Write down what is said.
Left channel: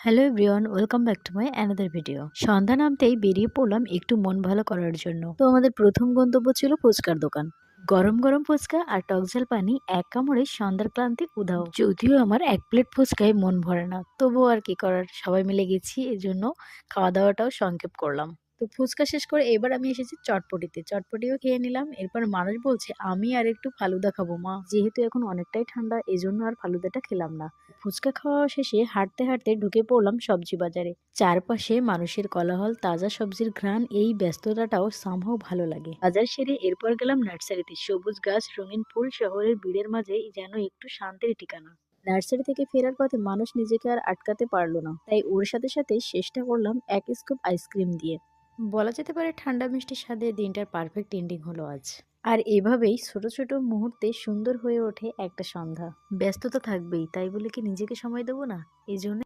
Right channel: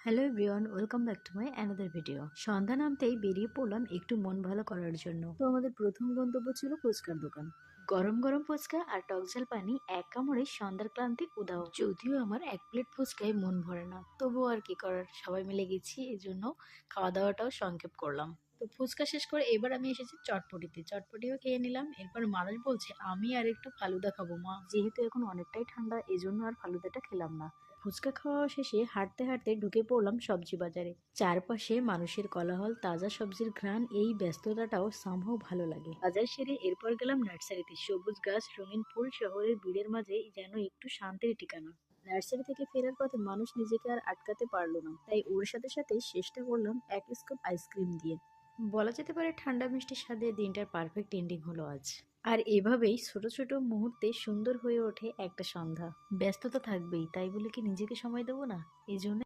Hello everyone, welcome back to my another video. সন্ধ্যা নামতেই বেরিয়ে পড়লাম একটু মন ভালো করার জন্য। তো আমাদের প্রথম গন্তব্য ছিল ফুচকার দোকান। গরম গরম ফুচকা আর টকঝাল পানি এক কামড়ে সন্ধ্যার ক্লান্তি উধাও। যদিও আমার এক প্লেট ফুচকায় মন ভরে না, তবুও আর কি করার, সবাই মিলে গেছি, এজন্য খাওয়া দাওয়াটাও সংক্ষেপ করলাম। তো ফুচকা শেষ করে এবার আমি এসেছি চটপটিতে, চটপটিও খেয়ে নিলাম। এরপর মানুষ বলছে আমি আর একটু ফালুদা খাবো মা, যেহেতু এখন অনেকটাই ঠান্ডা এজন্য আর ফালুদাটা খেলাম না। ফুচকা খাওয়া শেষে হাঁটতে হাঁটতে ঢুকে পড়লাম সবজি বাজারে। চারপাশে মানুষের কোলাহল, তাজা সবজির ঘ্রাণ, এই ব্যস্ততাটাও সামহাও ভালো লাগে। বাজার সেরে এরপর গেলাম নার্সারিতে। সবুজ গাছ, রঙিন ফুল, শহরের ভিড়ের মাঝে যেন একটু শান্তির ঠিকানা। নার্সারি থেকে ফেরার পথে মানুষ নিজেকে আর আটকাতে পারলো না, তাই ওর সাথে সাথে চেষ্টা করলাম এক স্কুপ আইসক্রিম দিয়ে। বলা যেতে পারে ঠান্ডা মিষ্টি স্বাদে দিনটার পারফেক্ট এন্ডিং হলো আজ। আর এভাবেই ছোট ছোট মুহূর্তে সুন্দর হয়ে ওঠে একটা সন্ধ্যা। ব্যস্ততা থাকবেই, তাই বলে কি নিজেকে সময় দেবো না? এই জন্য